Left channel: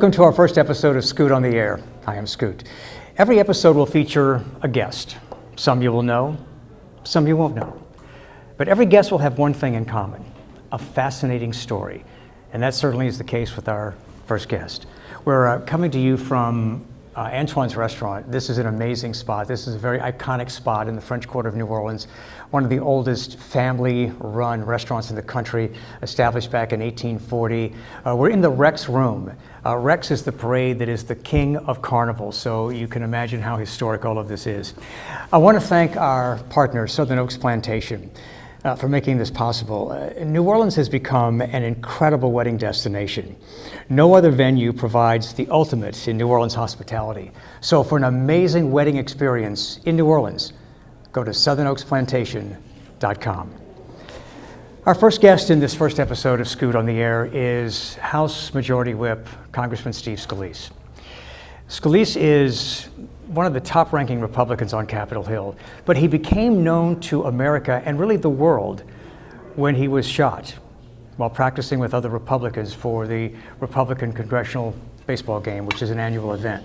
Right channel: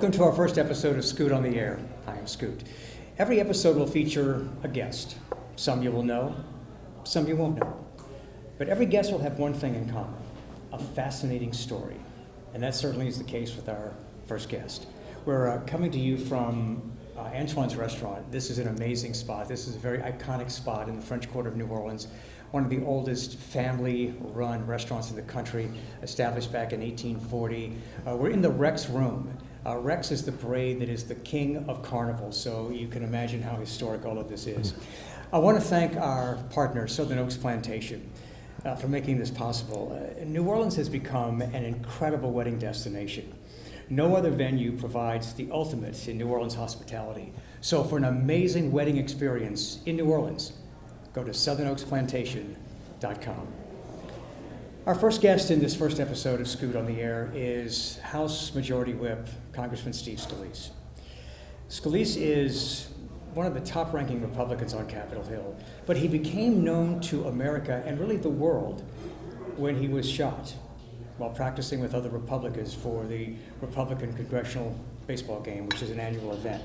Welcome to our first episode of Scoot on the Air. I am Scoot. Every episode will feature a guest. Some you will know, some you won't know. But every guest will have one thing in common, a fascinating story. And that certainly is the case with our first guest. We're coming to you from Antoine's Restaurant. This is an amazing spot. This is a very iconic spot in the French Quarter of New Orleans, one of the oldest family-run restaurants in the country, established back in 1840. We're in the Rex Room. Rex is the parade that is the king of carnival, so you can imagine how historic all of this is. I want to thank our partner, Southern Oaks Plantation, for making this possible. New Orleans has become an incredible wedding destination. No other venue provides the ultimate in New Orleans hospitality. So for an amazing wedding experience in New Orleans, go to southernoaksplantation.com. Our first guest in this first episode of Scoot on the Air is House Majority Whip Congressman Steve Scalise. Scalise is one of the top-ranking Republicans on Capitol Hill, but he became known to America and really the world when he was shot while practicing with other Republicans for the Republican Congressional Baseball Game, which is an annual event.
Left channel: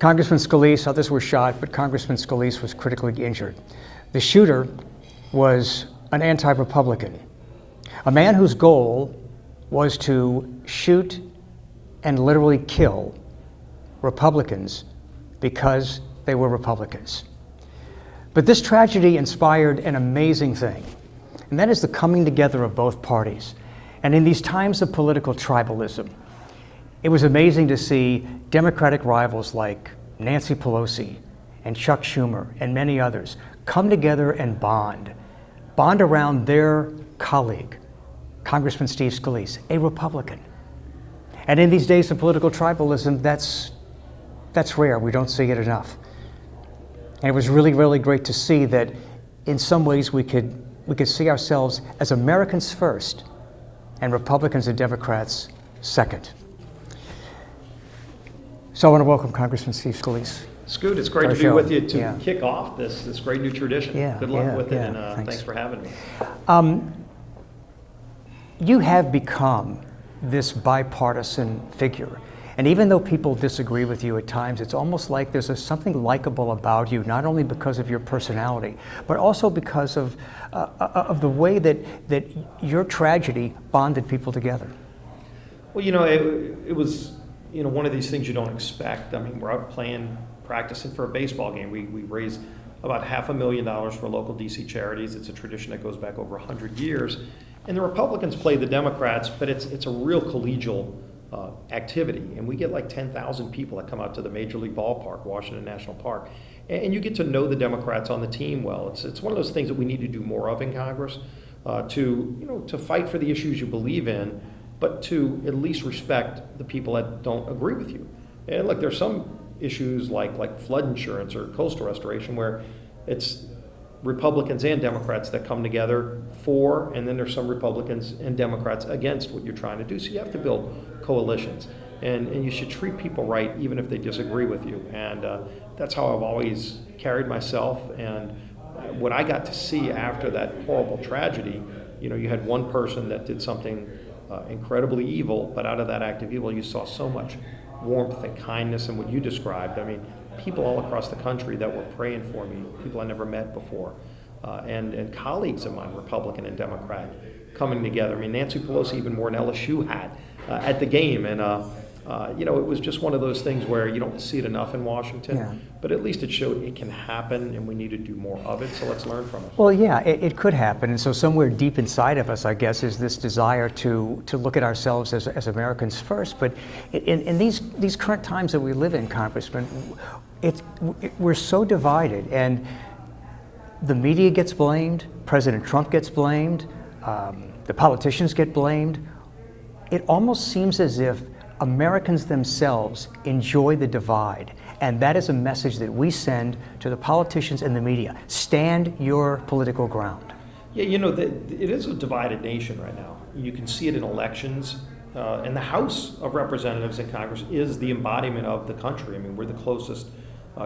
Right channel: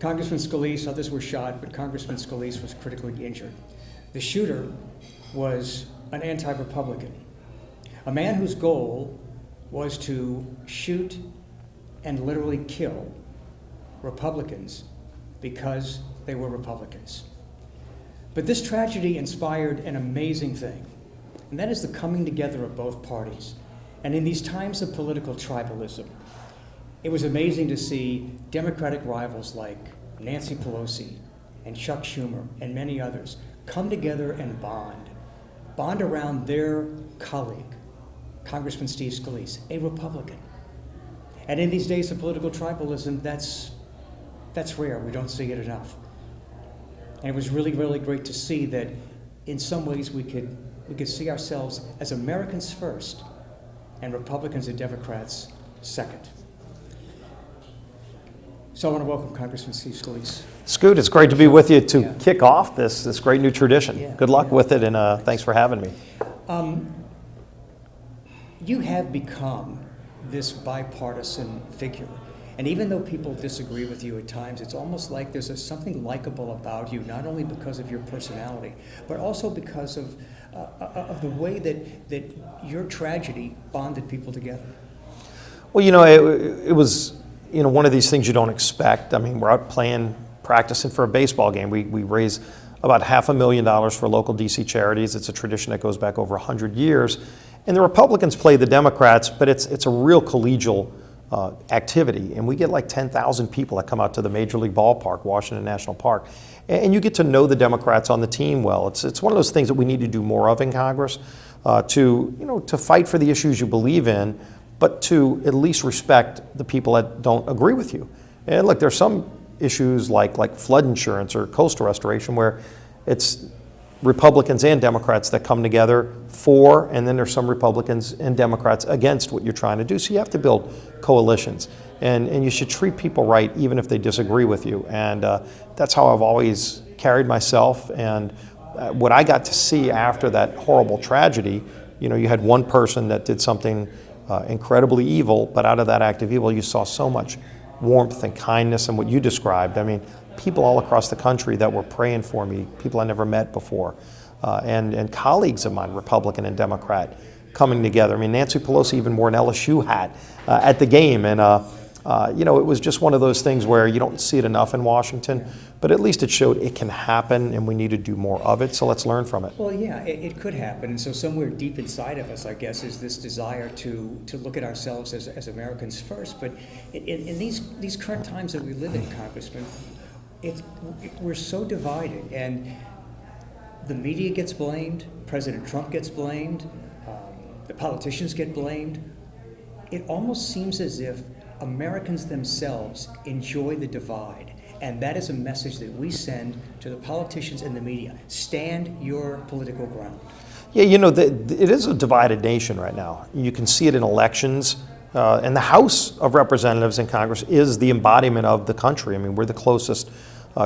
Congressman Scalise, others were shot, but Congressman Scalise was critically injured. The shooter was an anti-Republican, a man whose goal was to shoot and literally kill Republicans because they were Republicans. But this tragedy inspired an amazing thing, and that is the coming together of both parties. And in these times of political tribalism, it was amazing to see Democratic rivals like Nancy Pelosi and Chuck Schumer and many others come together and bond around their colleague, Congressman Steve Scalise, a Republican. And in these days of political tribalism, that's rare. We don't see it enough. And it was really, really great to see that in some ways we could see ourselves as Americans first and Republicans and Democrats second. So I want to welcome Congressman Steve Scalise. Scoot, it's great to be with you to kick off this great new tradition. Good luck with it, and thanks for having me. You have become this bipartisan figure. And even though people disagree with you at times, it's almost like there's something likable about you, not only because of your personality, but also because of the way that your tragedy bonded people together. Well, it was one of these things you don't expect. I mean, we're out practicing for a baseball game. We raise about $500,000 for local DC charities. It's a tradition that goes back over 100 years. And the Republicans play the Democrats, but it's a real collegial activity, and we get like 10,000 people that come out to the Major League Ballpark, Washington National Park, and you get to know the Democrats on the team well. It's one of those things that we need to do more of in Congress, to fight for the issues you believe in, but to at least respect the people that don't agree with you. And look, there's some issues like flood insurance or coastal restoration where it's Republicans and Democrats that come together for, and then there's some Republicans and Democrats against what you're trying to do. So you have to build coalitions, and you should treat people right even if they disagree with you. And that's how I've always carried myself. And what I got to see after that horrible tragedy, you had one person that did something incredibly evil, but out of that act of evil, you saw so much warmth and kindness and what you described. I mean, people all across the country that were praying for me, people I never met before, and colleagues of mine, Republican and Democrat, coming together. I mean, Nancy Pelosi even wore an LSU hat at the game, and it was just one of those things where you don't see it enough in Washington, but at least it showed it can happen, and we need to do more of it, so let's learn from it. Well, yeah, it could happen, and so somewhere deep inside of us, I guess, is this desire to look at ourselves as Americans first, but in these current times that we live in, Congressman, we're so divided, and the media gets blamed, President Trump gets blamed, the politicians get blamed. It almost seems as if Americans themselves enjoy the divide, and that is a message that we send to the politicians and the media. Stand your political ground. Yeah, it is a divided nation right now. You can see it in elections. And the House of Representatives in Congress is the embodiment of the country. I mean, we're the closest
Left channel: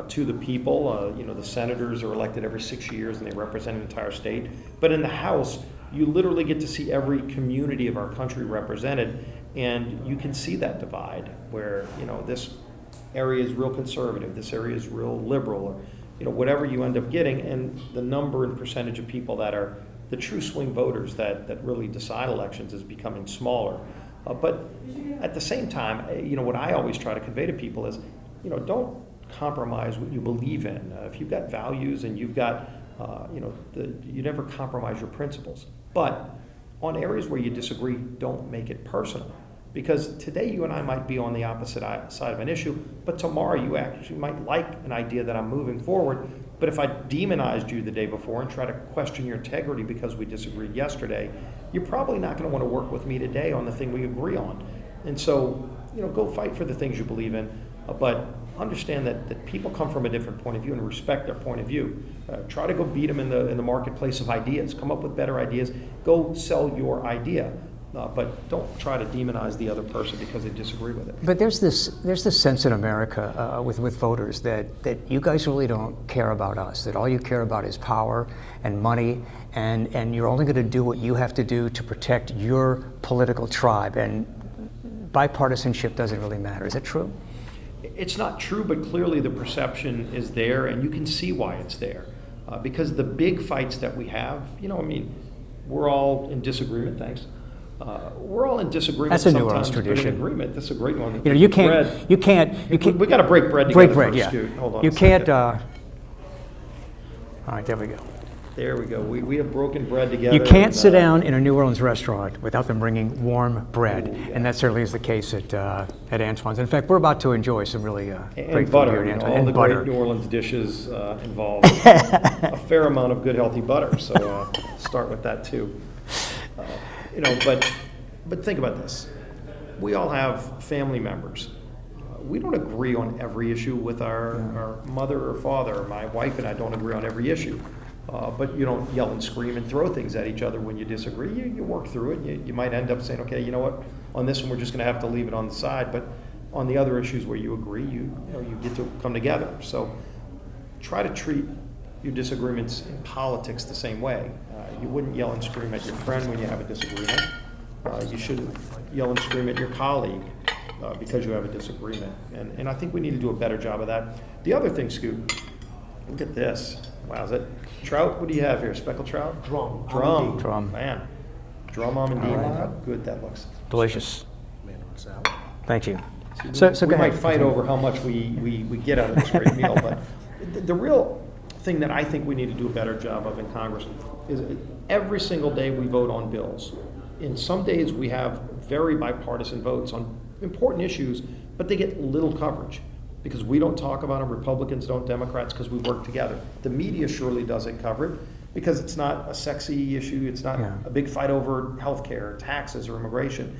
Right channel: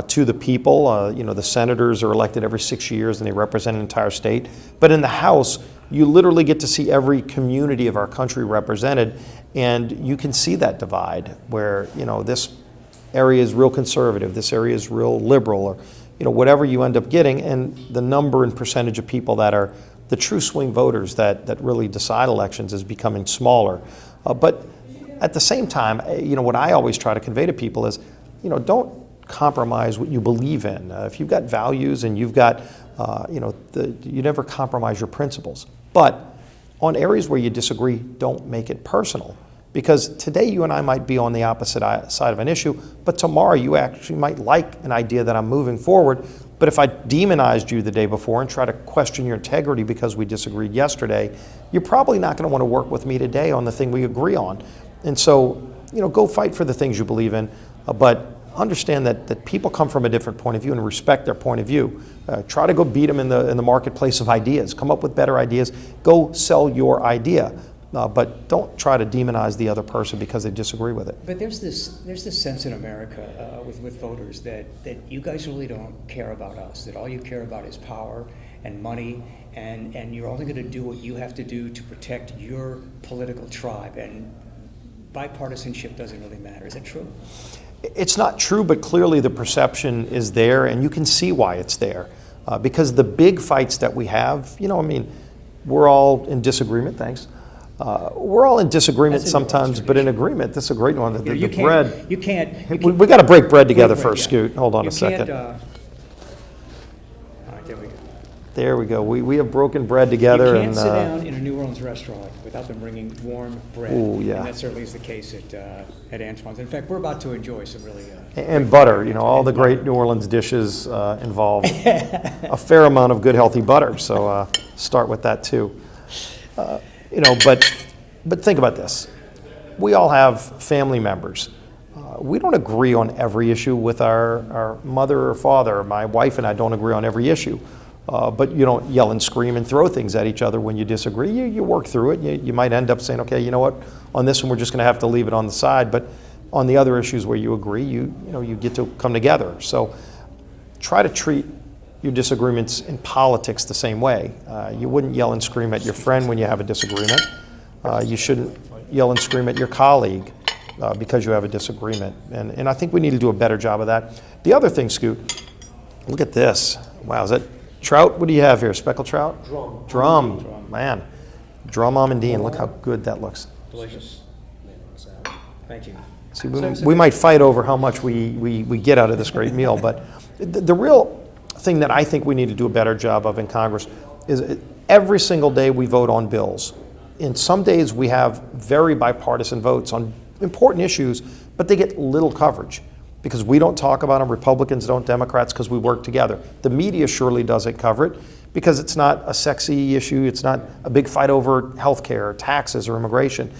to the people. The senators are elected every 6 years and they represent an entire state. But in the House, you literally get to see every community of our country represented, and you can see that divide where, this area is real conservative, this area is real liberal, or, whatever you end up getting, and the number and percentage of people that are the true swing voters that really decide elections is becoming smaller. But at the same time, what I always try to convey to people is, don't compromise what you believe in. If you've got values and you've got, you never compromise your principles. But on areas where you disagree, don't make it personal. Because today you and I might be on the opposite side of an issue, but tomorrow you actually might like an idea that I'm moving forward. But if I demonized you the day before and try to question your integrity because we disagreed yesterday, you're probably not going to want to work with me today on the thing we agree on. And so, go fight for the things you believe in, but understand that people come from a different point of view and respect their point of view. Try to go beat them in the marketplace of ideas. Come up with better ideas. Go sell your idea. But don't try to demonize the other person because they disagree with it. But there's this sense in America with voters that you guys really don't care about us, that all you care about is power and money, and you're only going to do what you have to do to protect your political tribe, and bipartisanship doesn't really matter. Is that true? It's not true, but clearly the perception is there, and you can see why it's there. Because the big fights that we have, we're all in disagreement, thanks. We're all in disagreement sometimes, but in agreement. That's a great one. You can't. We got to break bread together bread, first, yeah. Scoot. Hold on you a second. All right, there we go. There we go. We have broken bread together. You can't sit down in a New Orleans restaurant without them bringing warm bread, Ooh, yeah. and that certainly is the case at Antoine's. In fact, we're about to enjoy some really and butter. All the great New Orleans dishes involve a fair amount of good, healthy butter. So start with that too. But think about this. We all have family members. We don't agree on every issue with our mother or father. My wife and I don't agree on every issue. But you don't yell and scream and throw things at each other when you disagree. You work through it. You might end up saying, okay, you know what, on this one we're just going to have to leave it on the side. But on the other issues where you agree, you get to come together. So try to treat your disagreements in politics the same way. You wouldn't yell and scream at your friend when you have a disagreement. You shouldn't yell and scream at your colleague because you have a disagreement. And I think we need to do a better job of that. The other thing, Scoot, look at this. Wow, is that trout? What do you have here? Speckled trout? Drum. Man. Drum almondine. Look how good that looks. Delicious. Thank you. See, we might fight over how much we get out of this great meal, but the real thing that I think we need to do a better job of in Congress is every single day we vote on bills. In some days we have very bipartisan votes on important issues, but they get little coverage because we don't talk about them, Republicans don't, Democrats, because we work together. The media surely doesn't cover it because it's not a sexy issue, it's not a big fight over health care, taxes, or immigration.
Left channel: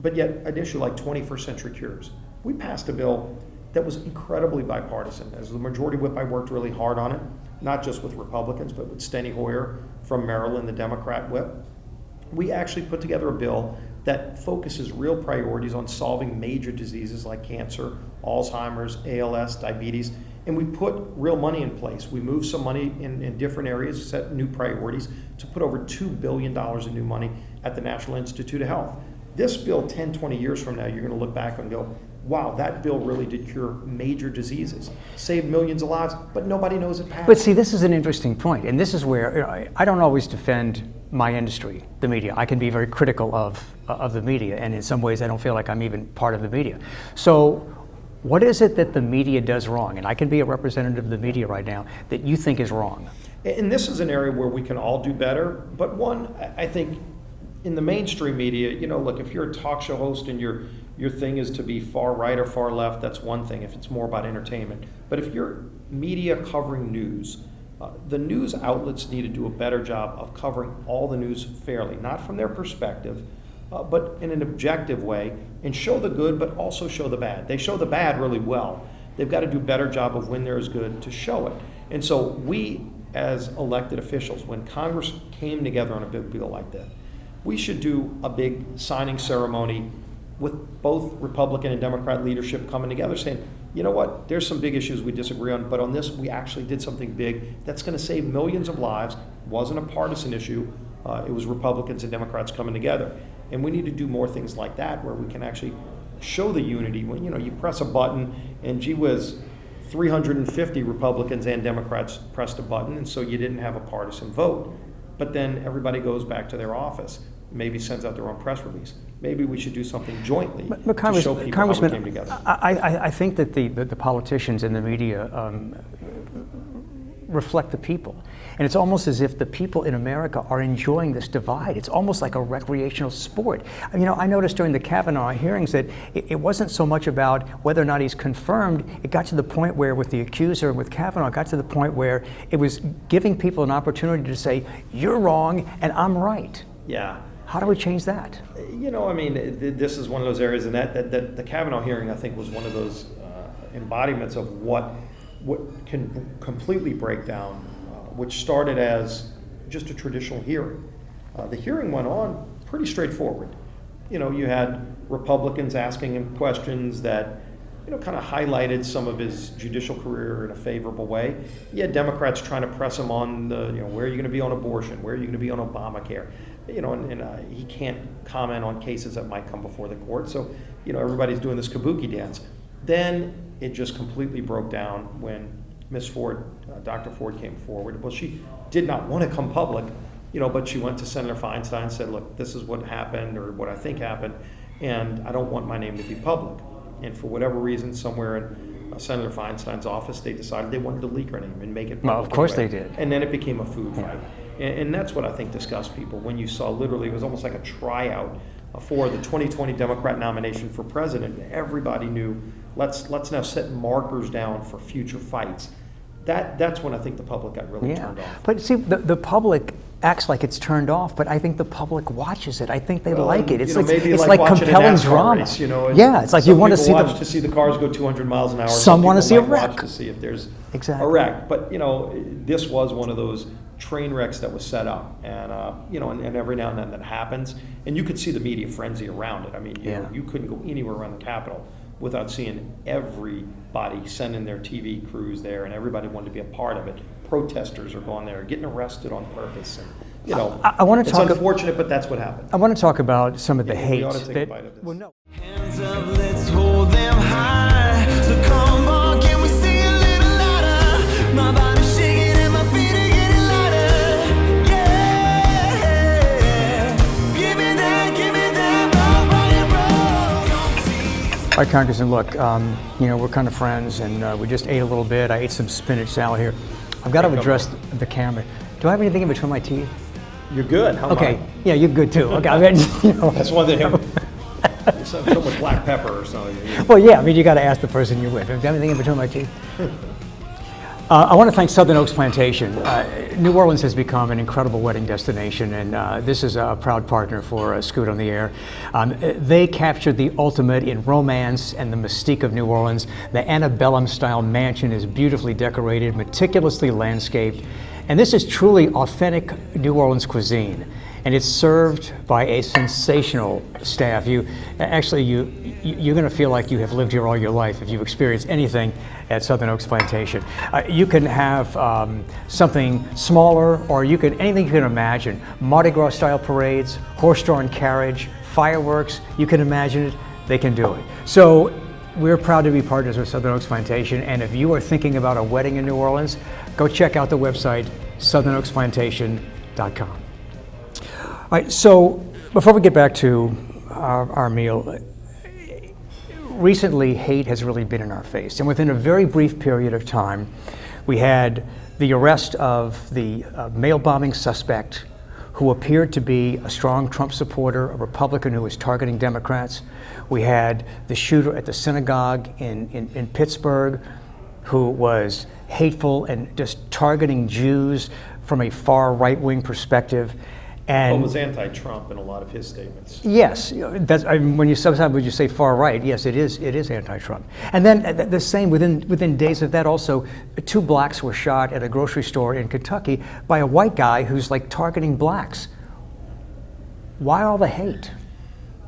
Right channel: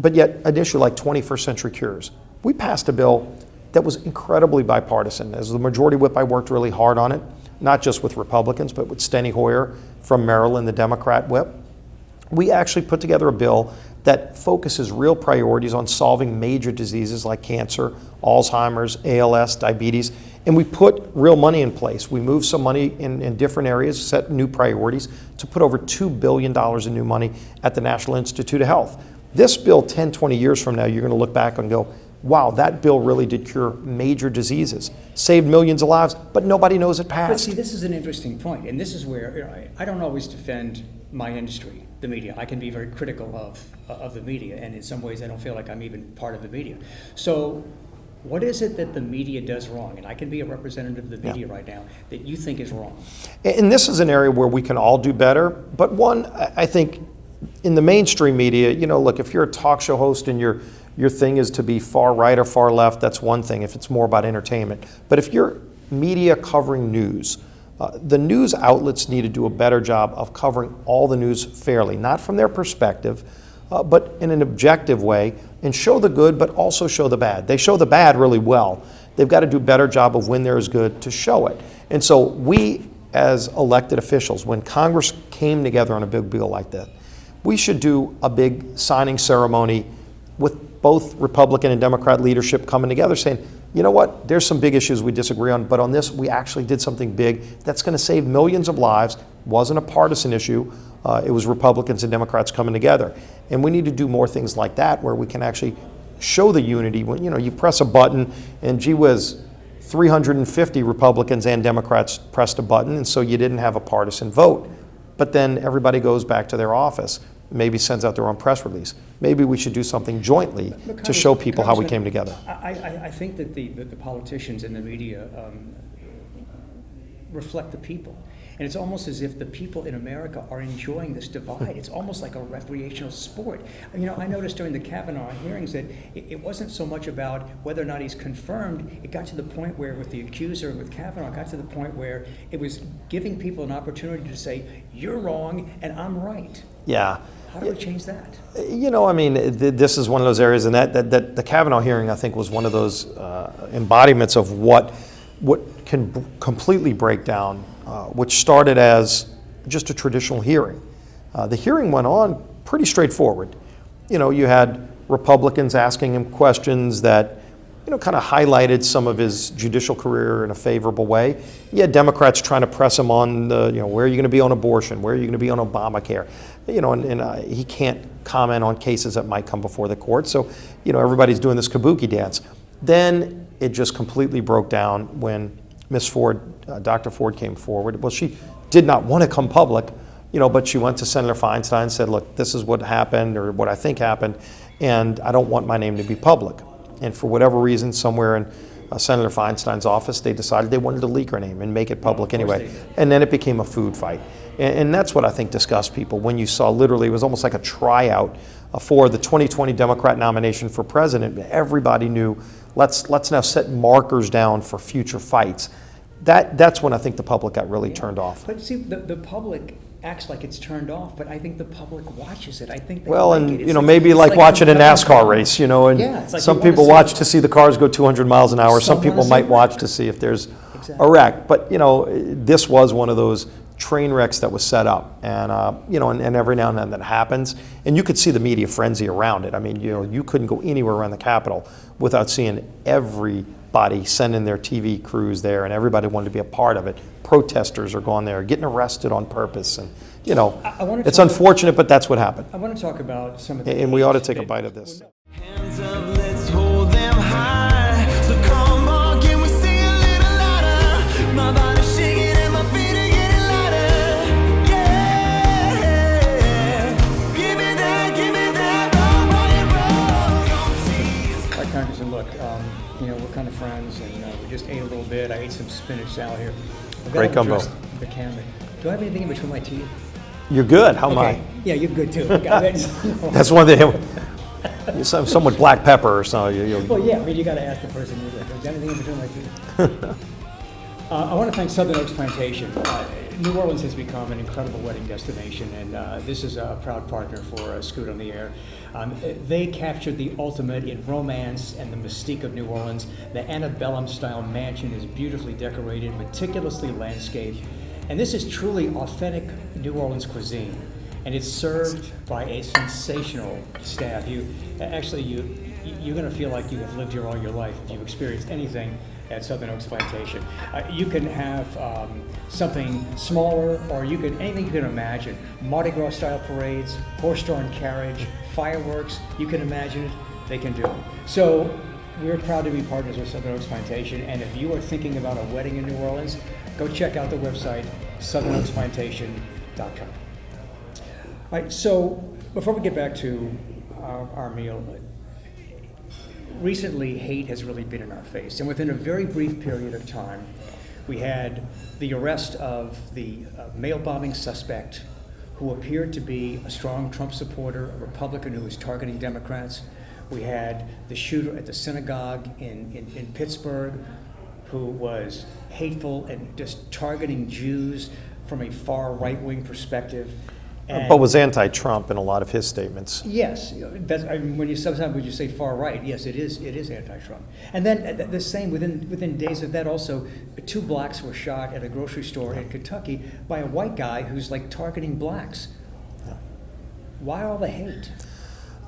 But yet an issue like 21st century cures. We passed a bill that was incredibly bipartisan. As the majority whip, I worked really hard on it, not just with Republicans, but with Steny Hoyer from Maryland, the Democrat whip. We actually put together a bill that focuses real priorities on solving major diseases like cancer, Alzheimer's, ALS, diabetes, and we put real money in place. We moved some money in different areas, set new priorities to put over $2 billion in new money at the National Institute of Health. This bill, 10, 20 years from now, you're going to look back and go, wow, that bill really did cure major diseases, saved millions of lives, but nobody knows it passed. But see, this is an interesting point, and this is where I don't always defend my industry, the media. I can be very critical of the media, and in some ways I don't feel like I'm even part of the media. So what is it that the media does wrong, and I can be a representative of the media right now, that you think is wrong? And this is an area where we can all do better, but one, I think, in the mainstream media, look, if you're a talk show host and your thing is to be far right or far left, that's one thing if it's more about entertainment. But if you're media covering news, the news outlets need to do a better job of covering all the news fairly, not from their perspective, but in an objective way, and show the good, but also show the bad. They show the bad really well. They've got to do a better job of when there is good to show it. And so we, as elected officials, when Congress came together on a big bill like that, we should do a big signing ceremony with both Republican and Democrat leadership coming together saying, you know what, there's some big issues we disagree on, but on this we actually did something big that's going to save millions of lives. Wasn't a partisan issue. It was Republicans and Democrats coming together. And we need to do more things like that where we can actually show the unity. When you press a button and gee whiz, 350 Republicans and Democrats pressed a button, and so you didn't have a partisan vote. But then everybody goes back to their office, maybe sends out their own press release. Maybe we should do something jointly to show people how we came together. I think that the politicians and the media reflect the people. And it's almost as if the people in America are enjoying this divide. It's almost like a recreational sport. I noticed during the Kavanaugh hearings that it wasn't so much about whether or not he's confirmed. It got to the point where, with the accuser, with Kavanaugh, it got to the point where it was giving people an opportunity to say, you're wrong and I'm right. Yeah. How do we change that? This is one of those areas, and that the Kavanaugh hearing, I think, was one of those embodiments of what can completely break down, which started as just a traditional hearing. The hearing went on pretty straightforward. You had Republicans asking him questions that, kind of highlighted some of his judicial career in a favorable way. You had Democrats trying to press him on where are you going to be on abortion? Where are you going to be on Obamacare? And he can't comment on cases that might come before the court. So, everybody's doing this kabuki dance. Then it just completely broke down when Ms. Ford, Dr. Ford came forward. Well, she did not want to come public, but she went to Senator Feinstein and said, look, this is what happened or what I think happened, and I don't want my name to be public. And for whatever reason, somewhere in Senator Feinstein's office, they decided they wanted to leak her name and make it public anyway. Of course they did. And then it became a food fight. And that's what I think disgusts people. When you saw literally, it was almost like a tryout for the 2020 Democrat nomination for president. Everybody knew, let's now set markers down for future fights. That's when I think the public got really turned off. But see, the public acts like it's turned off, but I think the public watches it. I think they like it. It's maybe like watching a NASCAR race, and it's like some people watch to see the cars go 200 miles an hour. Some people might watch to see if there's a wreck. But this was one of those train wrecks that was set up, and and every now and then that happens, and you could see the media frenzy around it. You couldn't go anywhere around the Capitol without seeing everybody sending their TV crews there, and everybody wanted to be a part of it. Protesters are going there, getting arrested on purpose, and it's unfortunate, but that's what happened. I want to talk about some of the and we ought to take a bite of this. Hands up, let's hold them high. So come on, can we sing a little louder? My body's shaking and my feet are getting lighter. Yeah, give me that, rock, roll. All right, Congressman, look, we're kind of friends, and we just ate a little bit. I ate some spinach salad here. I've got to address the camera. Do I have anything in between my teeth? You're good. How am I? Okay. Yeah, you're good too. Okay. That's one thing. Some with black pepper or something. Well, yeah. You got to ask the person you're with. Do you have anything in between my teeth? I want to thank Southern Oaks Plantation. New Orleans has become an incredible wedding destination, and this is a proud partner for Scoot on the Air. They captured the ultimate in romance and the mystique of New Orleans. The antebellum-style mansion is beautifully decorated, meticulously landscaped, and this is truly authentic New Orleans cuisine. And it's served by a sensational staff. You're going to feel like you have lived here all your life if you've experienced anything at Southern Oaks Plantation. You can have something smaller, or anything you can imagine. Mardi Gras style parades, horse-drawn carriage, fireworks, you can imagine it, they can do it. So we're proud to be partners with Southern Oaks Plantation, and if you are thinking about a wedding in New Orleans, go check out the website, southernoaksplantation.com. All right, so before we get back to our meal, recently hate has really been in our face, and within a very brief period of time, we had the arrest of the mail bombing suspect who appeared to be a strong Trump supporter, a Republican who was targeting Democrats. We had the shooter at the synagogue in Pittsburgh who was hateful and just targeting Jews from a far right-wing perspective. But was anti-Trump in a lot of his statements. Yes, when you sometimes say far right, yes, it is anti-Trump. And then the same within days of that, also 2 blacks were shot at a grocery store in Kentucky by a white guy who's like targeting blacks. Why all the hate?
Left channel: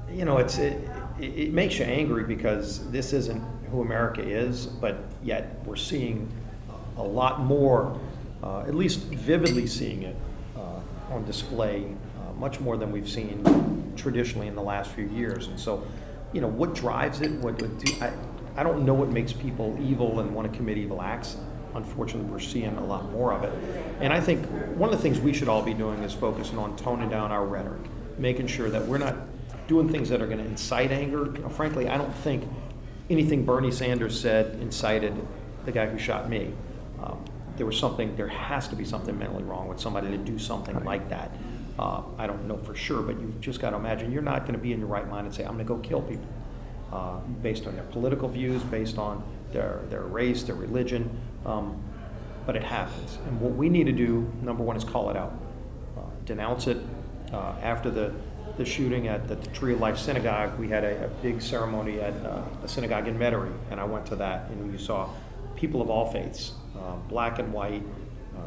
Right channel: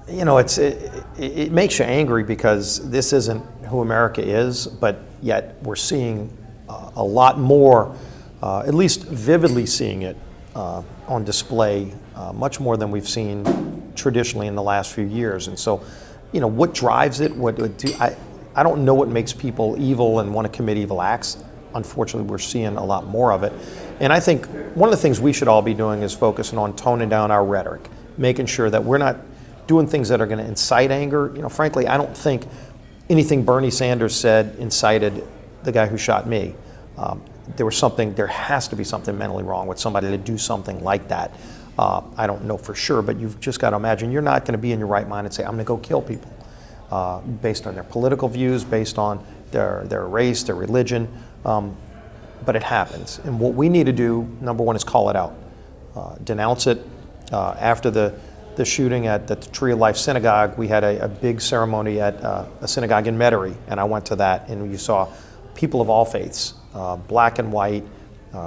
it makes you angry because this isn't who America is, but yet we're seeing a lot more, at least vividly seeing it on display, much more than we've seen traditionally in the last few years. And so, what drives it? I don't know what makes people evil and want to commit evil acts. Unfortunately, we're seeing a lot more of it. And I think one of the things we should all be doing is focusing on toning down our rhetoric, making sure that we're not doing things that are going to incite anger. Frankly, I don't think anything Bernie Sanders said incited the guy who shot me. There has to be something mentally wrong with somebody to do something like that. I don't know for sure, but you've just got to imagine you're not going to be in your right mind and say, I'm going to go kill people based on their political views, based on their race, their religion. But it happens. And what we need to do, number one, is call it out. Denounce it. After the shooting at the Tree of Life Synagogue, we had a big ceremony at a synagogue in Metairie, and I went to that, and you saw people of all faiths, black and white,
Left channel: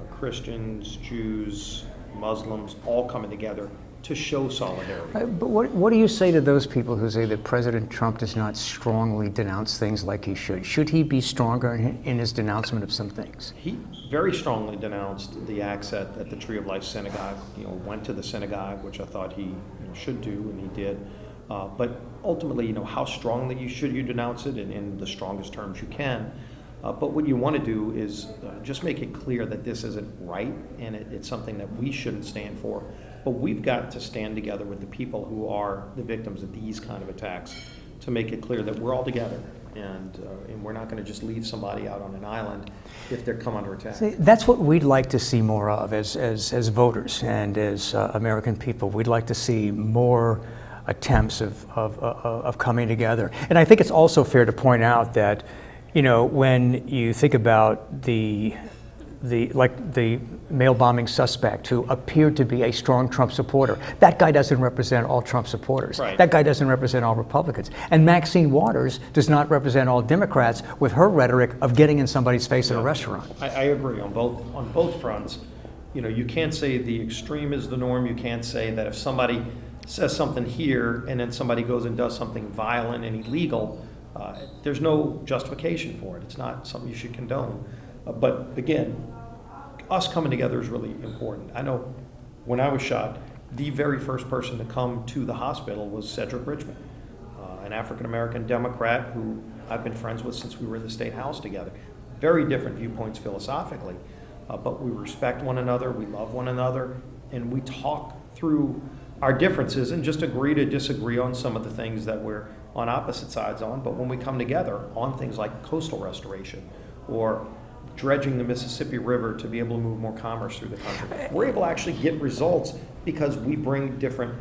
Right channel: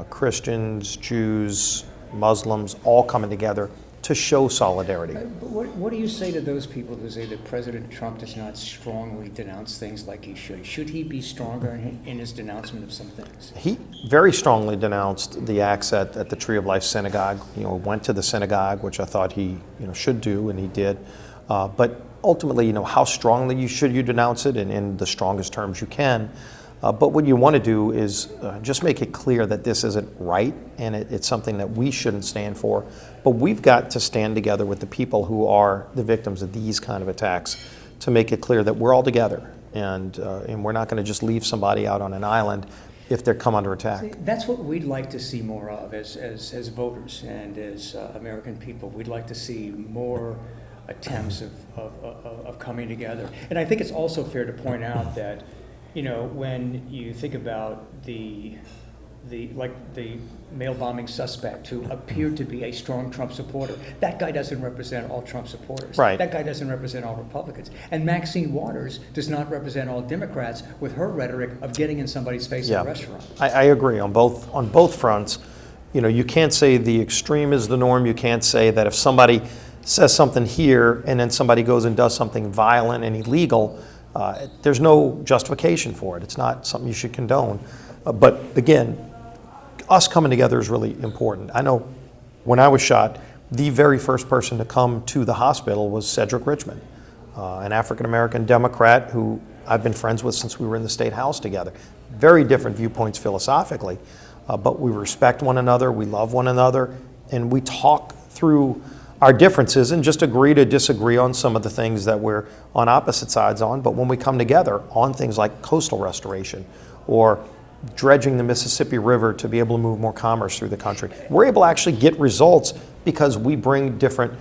Christians, Jews, Muslims, all coming together to show solidarity. But what do you say to those people who say that President Trump does not strongly denounce things like he should? Should he be stronger in his denouncement of some things? He very strongly denounced the acts at the Tree of Life Synagogue. Went to the synagogue, which I thought he should do, and he did. But ultimately, how strongly should you denounce it, and in the strongest terms you can. But what you want to do is just make it clear that this isn't right, and it's something that we shouldn't stand for. But we've got to stand together with the people who are the victims of these kind of attacks to make it clear that we're all together, and we're not going to just leave somebody out on an island if they come under attack. See, that's what we'd like to see more of as voters and as American people. We'd like to see more attempts of coming together. And I think it's also fair to point out that when you think about the mail bombing suspect who appeared to be a strong Trump supporter, that guy doesn't represent all Trump supporters. Right. That guy doesn't represent all Republicans. And Maxine Waters does not represent all Democrats with her rhetoric of getting in somebody's face at a restaurant. I agree on both fronts. You can't say the extreme is the norm. You can't say that if somebody says something here and then somebody goes and does something violent and illegal, there's no justification for it. It's not something you should condone. But again, us coming together is really important. I know when I was shot, the very first person to come to the hospital was Cedric Richmond, an African-American Democrat who I've been friends with since we were in the State House together. Very different viewpoints philosophically, but we respect one another, we love one another, and we talk through our differences and just agree to disagree on some of the things that we're on opposite sides on. But when we come together on things like coastal restoration or dredging the Mississippi River to be able to move more commerce through the country, we're able to actually get results because we bring different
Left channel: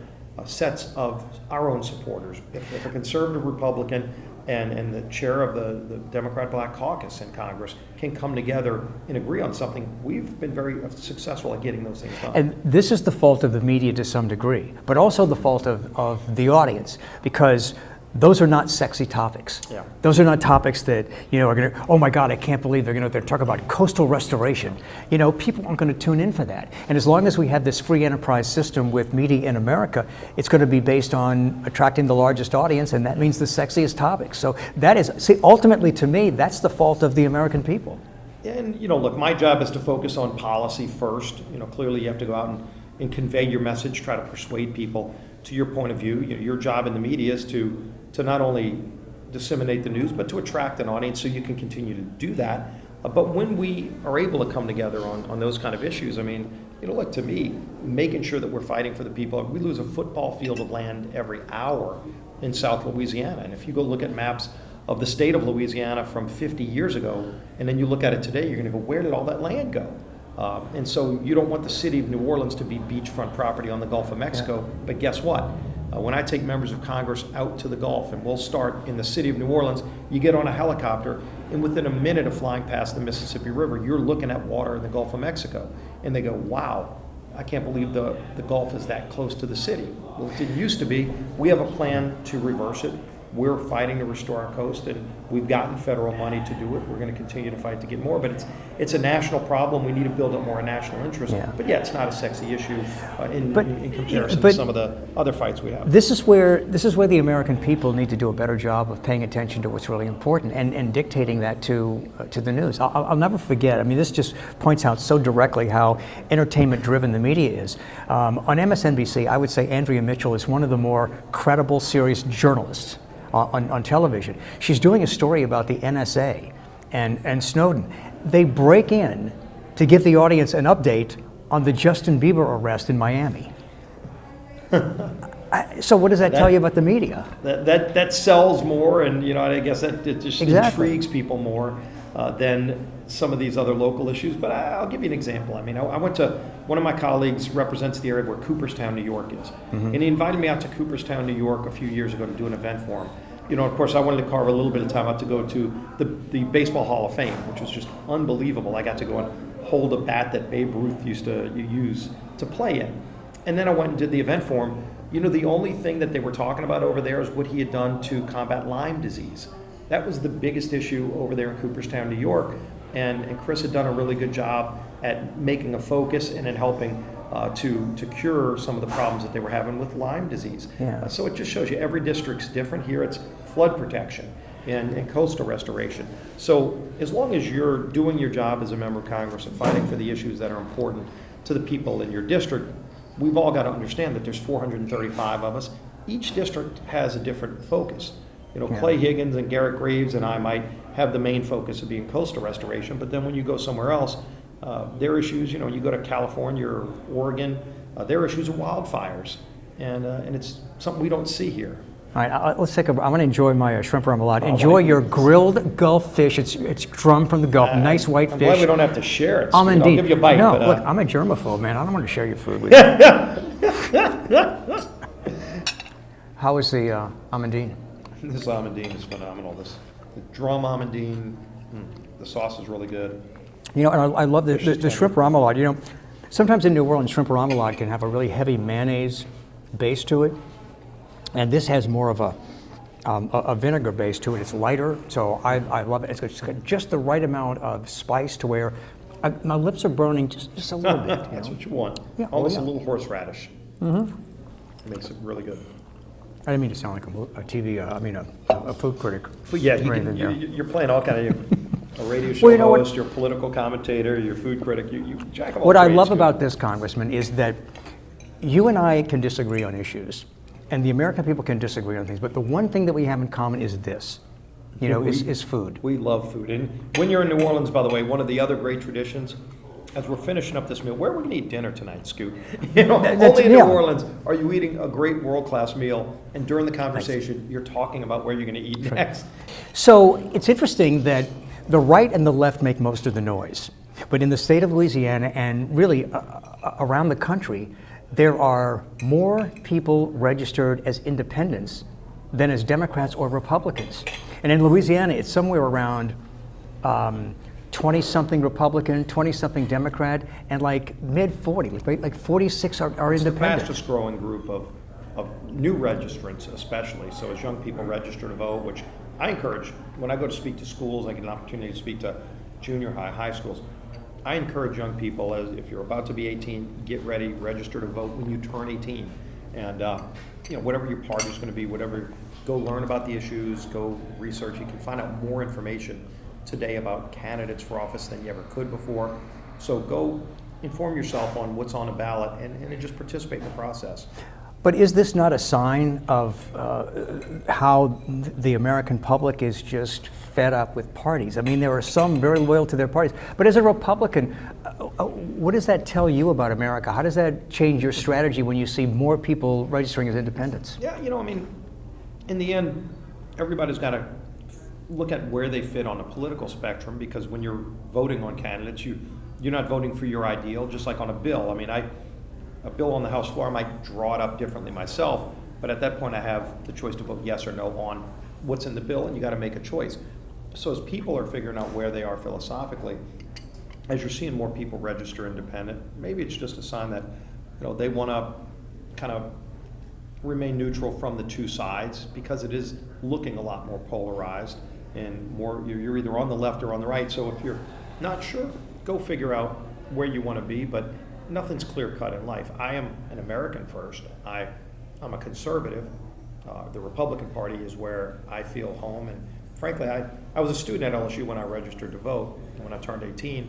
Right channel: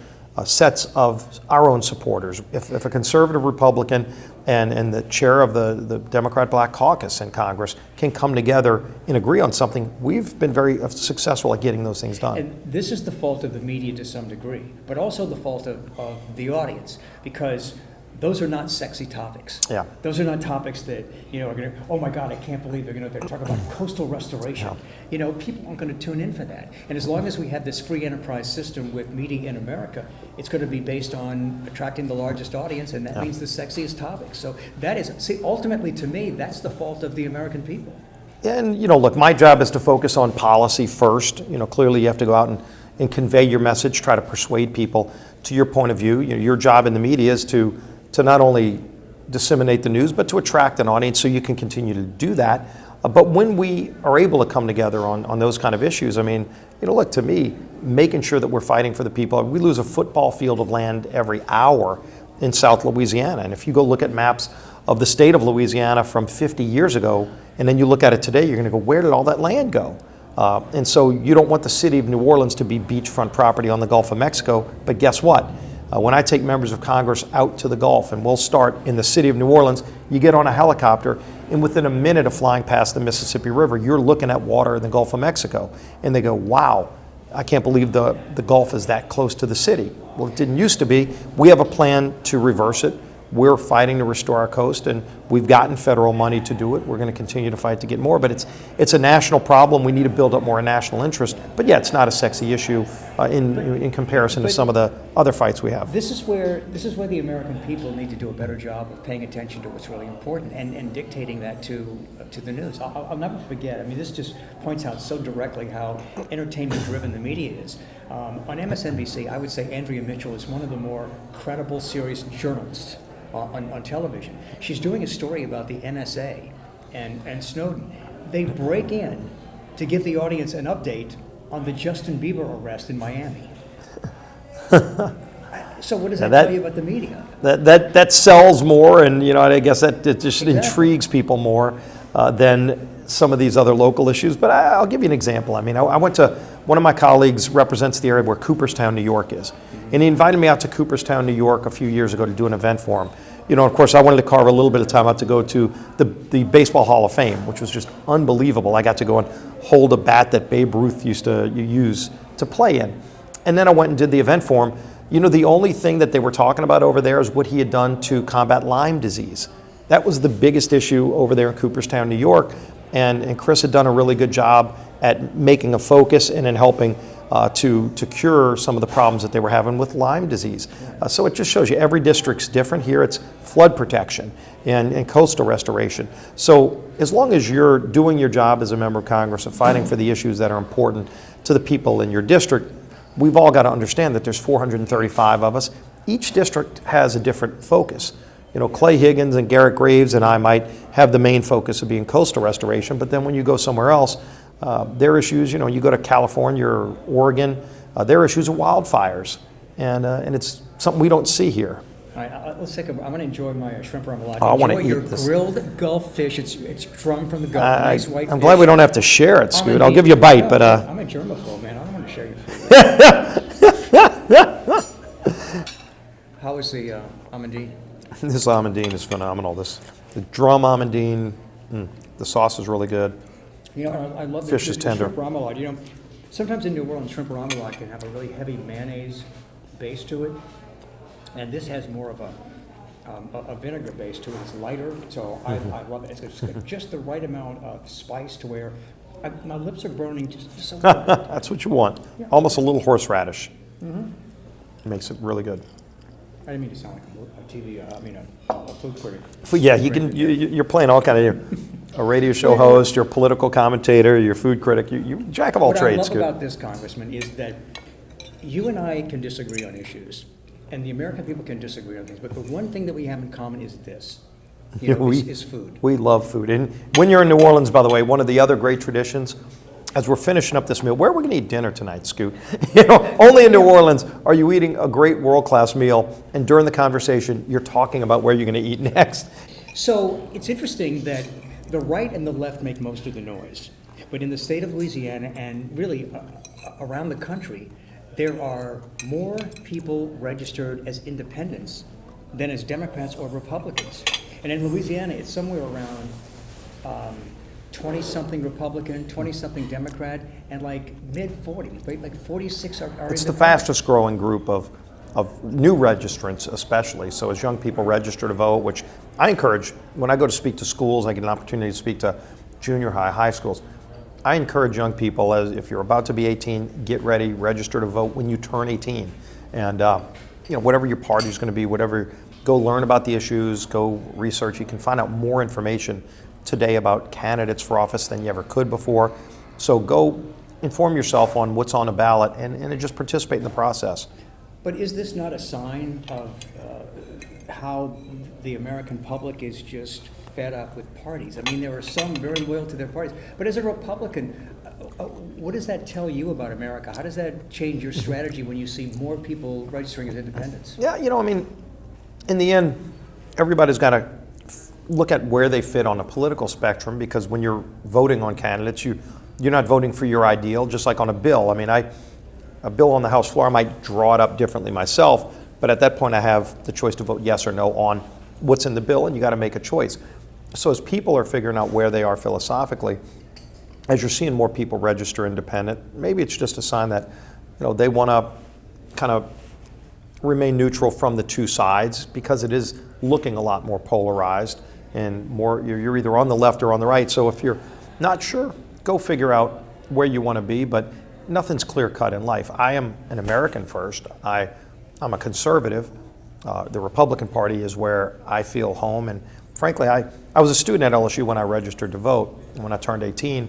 sets of our own supporters. If a conservative Republican and the chair of the Democrat Black Caucus in Congress can come together and agree on something, we've been very successful at getting those things done. And this is the fault of the media to some degree, but also the fault of the audience, because those are not sexy topics. Yeah. Those are not topics that are going to, oh my God, I can't believe they're talking about coastal restoration. People aren't going to tune in for that. And as long as we have this free enterprise system with media in America, it's going to be based on attracting the largest audience, and that means the sexiest topics. So that is, ultimately to me, that's the fault of the American people. And look, my job is to focus on policy first. Clearly you have to go out and convey your message, try to persuade people to your point of view. Your job in the media is to not only disseminate the news, but to attract an audience so you can continue to do that. But when we are able to come together on those kind of issues, look, to me, making sure that we're fighting for the people. We lose a football field of land every hour in South Louisiana. And if you go look at maps of the state of Louisiana from 50 years ago, and then you look at it today, you're going to go, where did all that land go? And so you don't want the city of New Orleans to be beachfront property on the Gulf of Mexico, but guess what? When I take members of Congress out to the Gulf, and we'll start in the city of New Orleans, you get on a helicopter, and within a minute of flying past the Mississippi River, you're looking at water in the Gulf of Mexico. And they go, wow, I can't believe the Gulf is that close to the city. Well, it didn't used to be. We have a plan to reverse it. we're fighting to restore our coast, and we've gotten federal money to do it. We're going to continue to fight to get more, but it's a national problem. We need to build up more national interest. Yeah. But yeah, it's not a sexy issue in comparison to some of the other fights we have. This is where the American people need to do a better job of paying attention to what's really important and dictating that to the news. I'll never forget. I mean, this just points out so directly how entertainment-driven the media is. On MSNBC, I would say Andrea Mitchell is one of the more credible, serious journalists on television. She's doing a story about the NSA and Snowden. They break in to give the audience an update on the Justin Bieber arrest in Miami. So what does that tell you about the media? That sells more, and I guess that it just Exactly. intrigues people more than some of these other local issues. But I'll give you an example. I mean, I went to, one of my colleagues represents the area where Cooperstown, New York is. Mm-hmm. And he invited me out to Cooperstown, New York a few years ago to do an event for him. Of course, I wanted to carve a little bit of time out to go to the Baseball Hall of Fame, which was just unbelievable. I got to go and hold a bat that Babe Ruth used to use to play in. And then I went and did the event for him. The only thing that they were talking about over there is what he had done to combat Lyme disease. That was the biggest issue over there in Cooperstown, New York. And Chris had done a really good job at making a focus and in helping to cure some of the problems that they were having with Lyme disease. Yeah. So it just shows you every district's different. Here it's flood protection and coastal restoration. So as long as you're doing your job as a member of Congress and fighting for the issues that are important to the people in your district, we've all got to understand that there's 435 of us. Each district has a different focus. Clay Higgins and Garrett Graves and I might have the main focus of being coastal restoration, but then when you go somewhere else, their issues, you go to California or Oregon, their issues are wildfires, and it's something we don't see here. All right, let's take a. I'm going to enjoy my shrimp remoulade. I Enjoy wanna your eat this. grilled Gulf fish. It's drummed from the Gulf. Nice white I'm fish. glad we don't have to share it, Scoot. I'll Indeed. give you a bite, No, but look, I'm a germaphobe, man. I don't want to share your food with you. How is the amandine? this amandine is phenomenal. The drum amandine, the sauce is really good. And I love the Fish is tender. shrimp remoulade. Sometimes in New Orleans, shrimp remoulade can have a really heavy mayonnaise base to it, and this has more of a vinegar base to it. It's lighter, so I love it. It's got just the right amount of spice to where my lips are burning just a little bit. That's what you want. Yeah. Almost a little horseradish. Mm-hmm. Makes it really good. I didn't mean to sound like a food critic. Yeah, or anything there. you're playing all kind of, a radio show Well, host, you're a political commentator, you're a food critic, you jack of all What trades. I love Scoot. about this, Congressman, is that you and I can disagree on issues, and the American people can disagree on things, but the one thing that we have in common is this, is food. We love food. And when you're in New Orleans, by the way, one of the other great traditions, as we're finishing up this meal, where are we going to eat dinner tonight, Scoot? Only in New Orleans are you eating a great world-class meal, and during the conversation, you're talking about where you're going to eat next. So it's interesting that the right and the left make most of the noise, but in the state of Louisiana and really around the country, there are more people registered as independents than as Democrats or Republicans. And in Louisiana, it's somewhere around 20-something Republican, 20-something Democrat, and like mid-40s, right? Like 46 are It's the independent. fastest growing group of new registrants especially. So as young people register to vote, which I encourage, when I go to speak to schools, I get an opportunity to speak to junior high schools. I encourage young people, as if you're about to be 18, get ready, register to vote when you turn 18. And whatever your party is going to be, go learn about the issues, go research. You can find out more information today about candidates for office than you ever could before. So go inform yourself on what's on the ballot and just participate in the process. But is this not a sign of how the American public is just fed up with parties? I mean, there are some very loyal to their parties. But as a Republican, what does that tell you about America? How does that change your strategy when you see more people registering as independents? Yeah, in the end, everybody's got to look at where they fit on a political spectrum, because when you're voting on candidates, you're not voting for your ideal, just like on a bill. I mean, a bill on the House floor, I might draw it up differently myself, but at that point I have the choice to vote yes or no on what's in the bill, and you got to make a choice. So as people are figuring out where they are philosophically, as you're seeing more people register independent, maybe it's just a sign that they want to kind of remain neutral from the two sides, because it is looking a lot more polarized and more, you're either on the left or on the right. So if you're not sure, go figure out where you want to be, but nothing's clear cut in life. I am an American first. I'm a conservative. The Republican Party is where I feel home, and frankly, I was a student at LSU when I registered to vote. When I turned 18,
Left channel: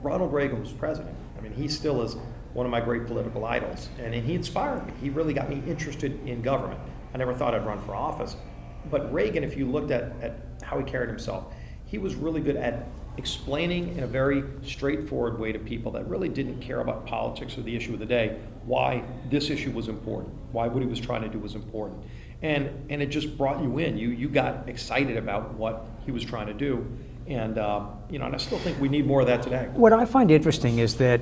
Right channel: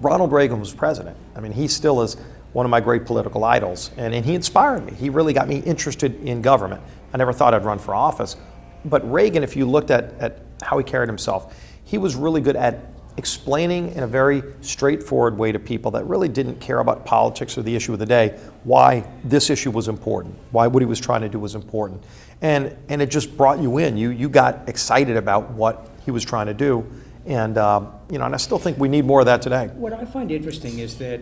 Ronald Reagan was president. I mean, he still is one of my great political idols, and he inspired me. He really got me interested in government. I never thought I'd run for office, but Reagan, if you looked at how he carried himself, he was really good at explaining in a very straightforward way to people that really didn't care about politics or the issue of the day why this issue was important, why what he was trying to do was important. And it just brought you in. You got excited about what he was trying to do. And and I still think we need more of that today. What I find interesting is that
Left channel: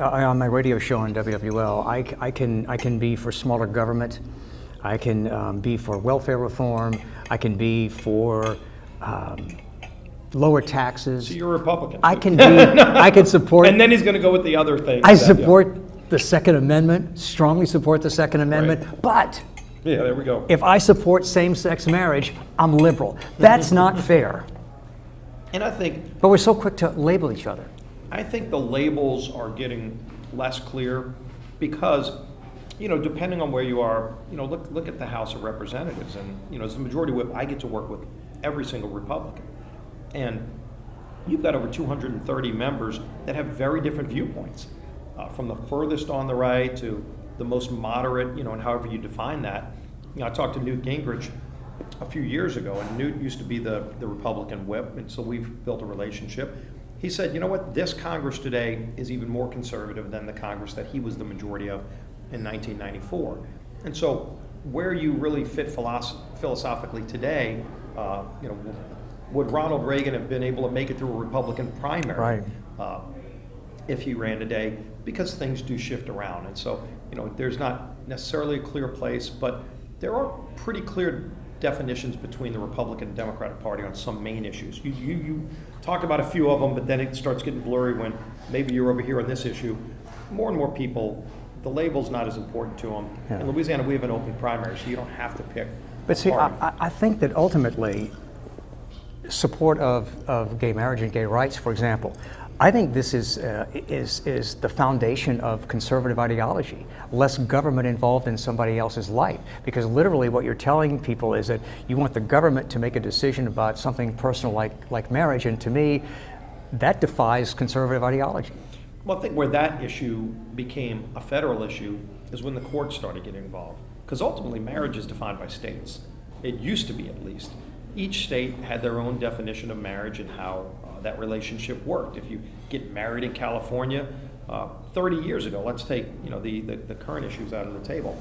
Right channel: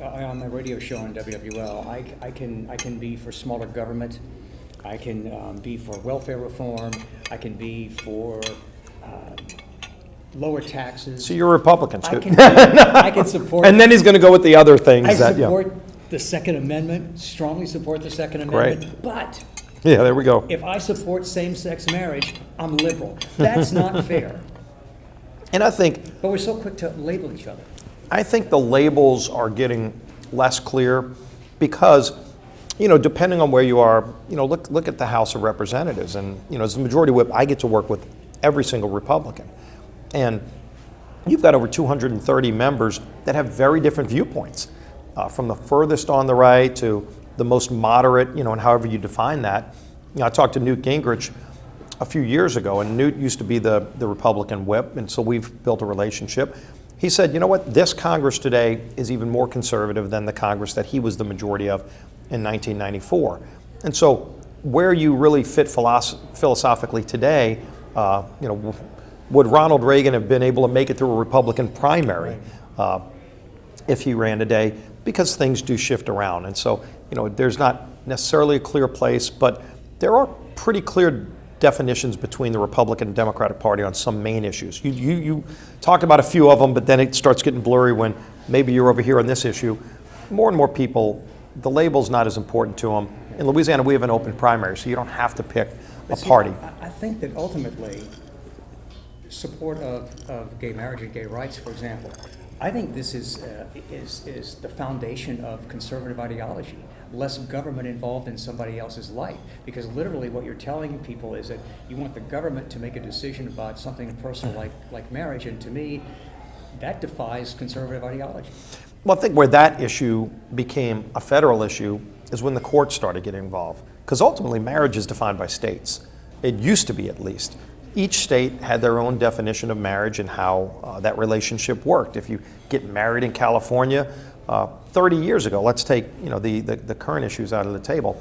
on my radio show on WWL, I can be for smaller government, I can be for welfare reform, I can be for lower taxes. So you're a Republican too. I can support. And then he's going to go with the other things. I support the Second Amendment, strongly support the Second Amendment, Right. But yeah, there we go. if I support same-sex marriage, I'm liberal. That's not fair. And I think But we're so quick to label each other. I think the labels are getting less clear because, depending on where you are, look at the House of Representatives, and as the majority whip, I get to work with every single Republican, and you've got over 230 members that have very different viewpoints, from the furthest on the right to the most moderate, and however you define that. I talked to Newt Gingrich a few years ago, and Newt used to be the Republican whip, and so we've built a relationship. He said, you know what, this Congress today is even more conservative than the Congress that he was the majority of in 1994. And so where you really fit philosophically today, would Ronald Reagan have been able to make it through a Republican primary if he ran today? Because things do shift around. And so, there's not necessarily a clear place, but there are pretty clear definitions between the Republican and Democratic Party on some main issues. You talked about a few of them, but then it starts getting blurry when maybe you're over here on this issue. More and more people, the label's not as important to them. Yeah. In Louisiana, we have an open primary, so you don't have to pick a party. I think that ultimately, support of gay marriage and gay rights, for example, I think this is the foundation of conservative ideology. Less government involved in somebody else's life, because literally what you're telling people is that you want the government to make a decision about something personal like marriage, and to me, that defies conservative ideology. Well, I think where that issue became a federal issue is when the courts started getting involved, because ultimately marriage is defined by states. It used to be, at least. Each state had their own definition of marriage and how that relationship worked. If you get married in California, 30 years ago, let's take the current issues out of the table.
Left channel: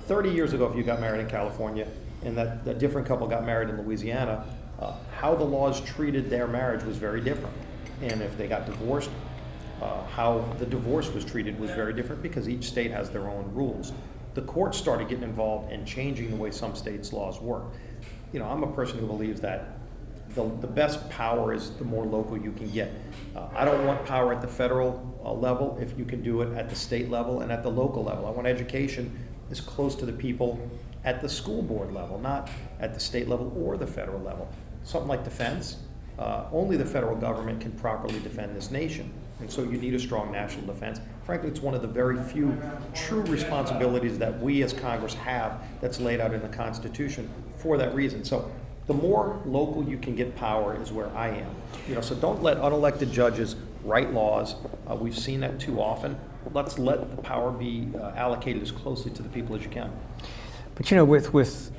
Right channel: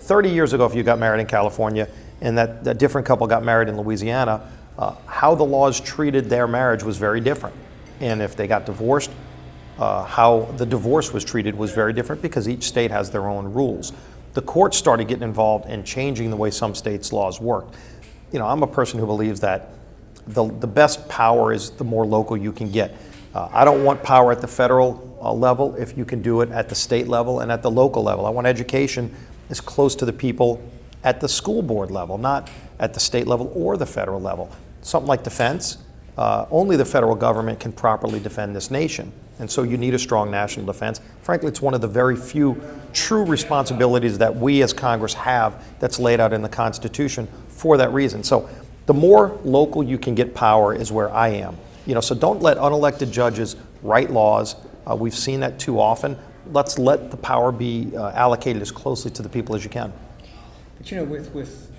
30 years ago, if you got married in California and that different couple got married in Louisiana, how the laws treated their marriage was very different. And if they got divorced, how the divorce was treated was very different, because each state has their own rules. The courts started getting involved in changing the way some states' laws worked. I'm a person who believes that the best power is the more local you can get. I don't want power at the federal level if you can do it at the state level and at the local level. I want education as close to the people at the school board level, not at the state level or the federal level. Something like defense, only the federal government can properly defend this nation. And so you need a strong national defense. Frankly, it's one of the very few true responsibilities that we as Congress have that's laid out in the Constitution for that reason. So the more local you can get power is where I am. So don't let unelected judges write laws. We've seen that too often. Let's let the power be allocated as closely to the people as you can. But with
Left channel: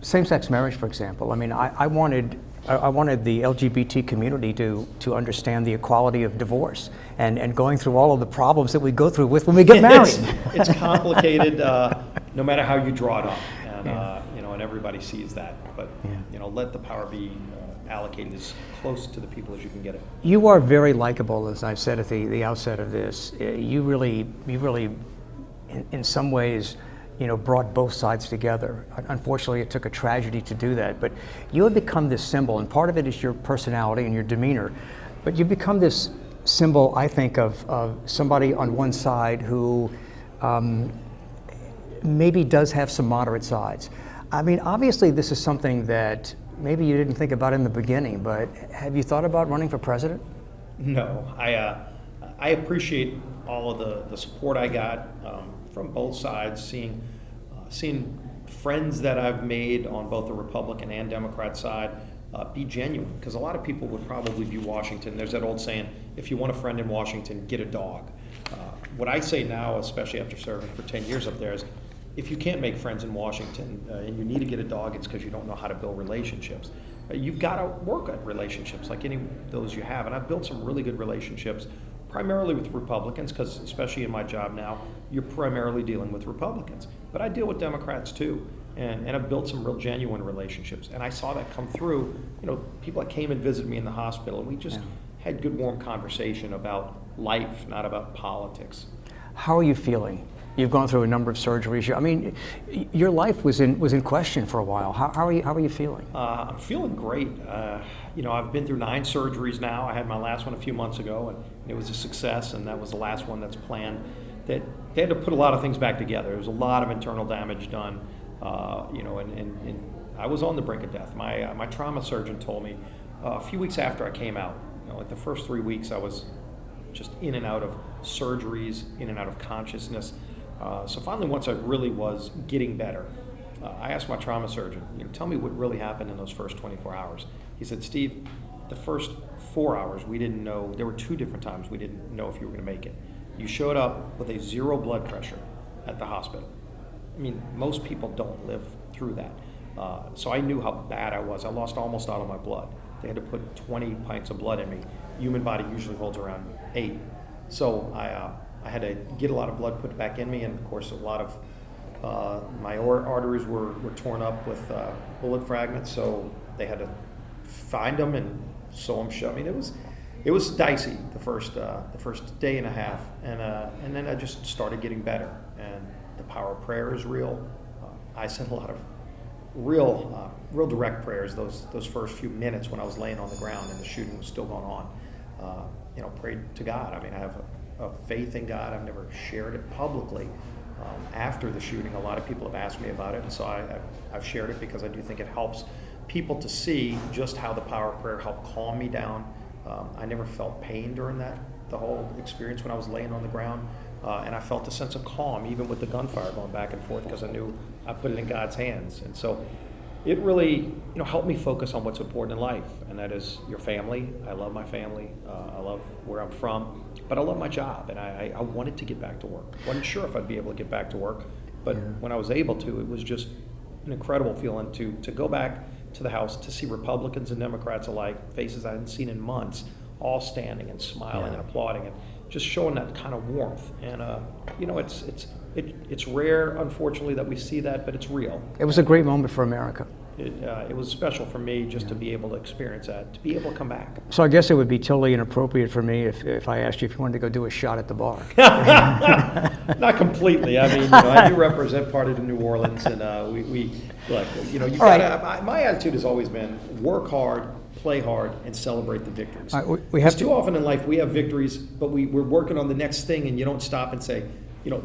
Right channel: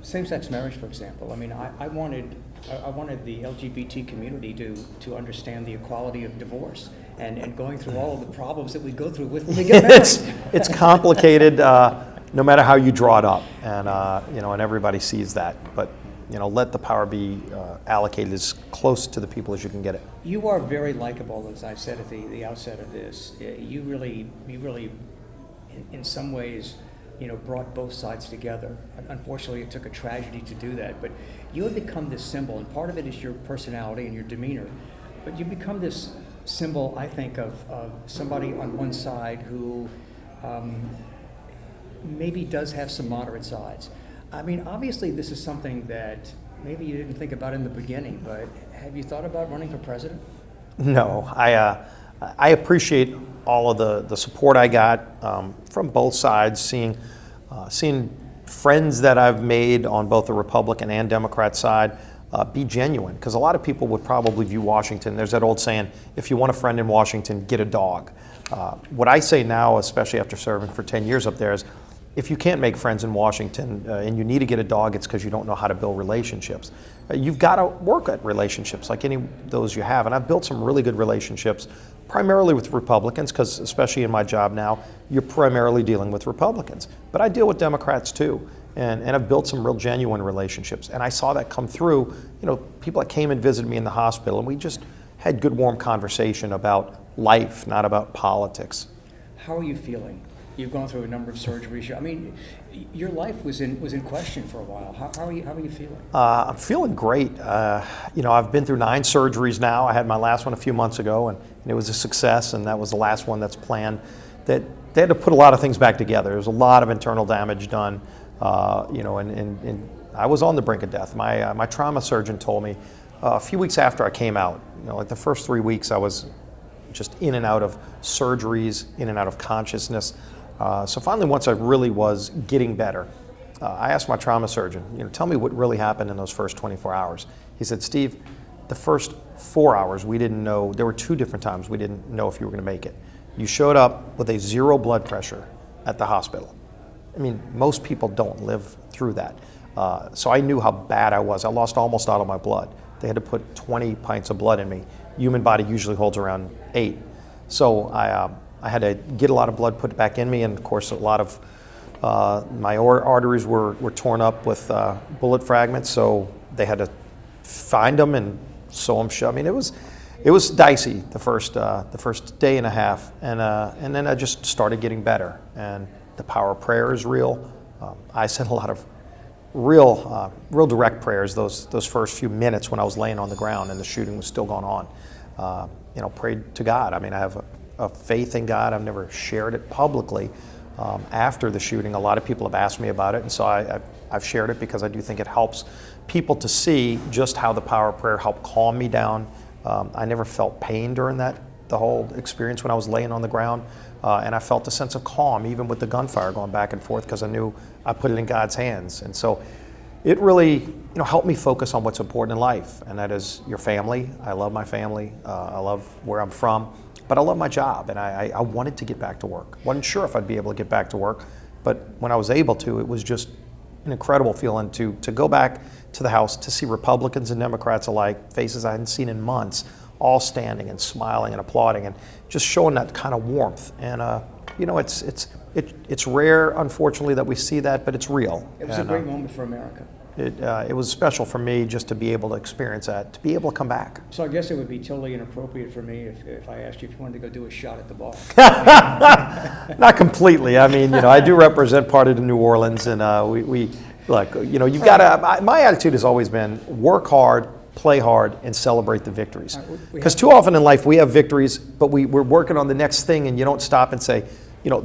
same-sex marriage, for example, I mean, I wanted the LGBT community to understand the equality of divorce and going through all of the problems that we go through when we get married. It's complicated, no matter how you draw it up, and and everybody sees that. But let the power be allocated as close to the people as you can get it. You are very likable, as I said at the outset of this. You really, in some ways, brought both sides together. Unfortunately, it took a tragedy to do that, but you have become this symbol, and part of it is your personality and your demeanor, but you've become this symbol, I think, of somebody on one side who maybe does have some moderate sides. I mean, obviously this is something that maybe you didn't think about in the beginning, but have you thought about running for president? No, I appreciate all of the support I got from both sides, seeing friends that I've made on both the Republican and Democrat side be genuine, because a lot of people would probably view Washington, there's that old saying, if you want a friend in Washington, get a dog. What I say now, especially after serving for 10 years up there, is if you can't make friends in Washington and you need to get a dog, it's because you don't know how to build relationships. You've got to work at relationships like any of those you have. And I've built some really good relationships, primarily with Republicans, because especially in my job now, you're primarily dealing with Republicans. But I deal with Democrats too. And I've built some real genuine relationships. And I saw that come through, people that came and visited me in the hospital, and we just had good, warm conversation about life, not about politics. How are you feeling? You've gone through a number of surgeries. I mean, your life was in question for a while. How are you feeling? I'm feeling great. I've been through 9 surgeries now. I had my last one a few months ago, and it was a success, and that was the last one that's planned. That they had to put a lot of things back together. There was a lot of internal damage done, and I was on the brink of death. My trauma surgeon told me a few weeks after I came out, like the first 3 weeks, I was just in and out of surgeries, in and out of consciousness. So finally, once I really was getting better, I asked my trauma surgeon, tell me what really happened in those first 24 hours. He said, Steve, the first 4 hours, we didn't know, there were 2 different times we didn't know if you were going to make it. You showed up with a 0 blood pressure at the hospital. I mean, most people don't live through that. So I knew how bad I was. I lost almost all of my blood. They had to put 20 pints of blood in me. Human body usually holds around 8. So I had to get a lot of blood put back in me, and of course a lot of my arteries were torn up with bullet fragments, so they had to find them and sew them shut. I mean, it was dicey the first day and a half, and then I just started getting better, and the power of prayer is real. I said a lot of real direct prayers those first few minutes when I was laying on the ground and the shooting was still going on. Prayed to God. I mean, I have a faith in God. I've never shared it publicly. After the shooting, a lot of people have asked me about it, and so I've shared it because I do think it helps people to see just how the power of prayer helped calm me down. I never felt pain during the whole experience when I was laying on the ground, and I felt a sense of calm even with the gunfire going back and forth because I knew I put it in God's hands. And so it really helped me focus on what's important in life, and that is your family. I love my family. I love where I'm from. But I love my job, and I wanted to get back to work. Wasn't sure if I'd be able to get back to work, but when I was able to, it was just an incredible feeling to go back to the House, to see Republicans and Democrats alike, faces I hadn't seen in months, all standing and smiling and applauding, and just showing that kind of warmth. And it's rare, unfortunately, that we see that, but it's real. It was a great moment for America. It was special for me just to be able to experience that, to be able to come back. So I guess it would be totally inappropriate for me if I asked you if you wanted to go do a shot at the bar. Not completely. I mean, I do represent part of the New Orleans, and we look. You got to. My attitude has always been work hard, play hard, and celebrate the victories. Because too often in life we have victories, but we're working on the next thing, and you don't stop and say,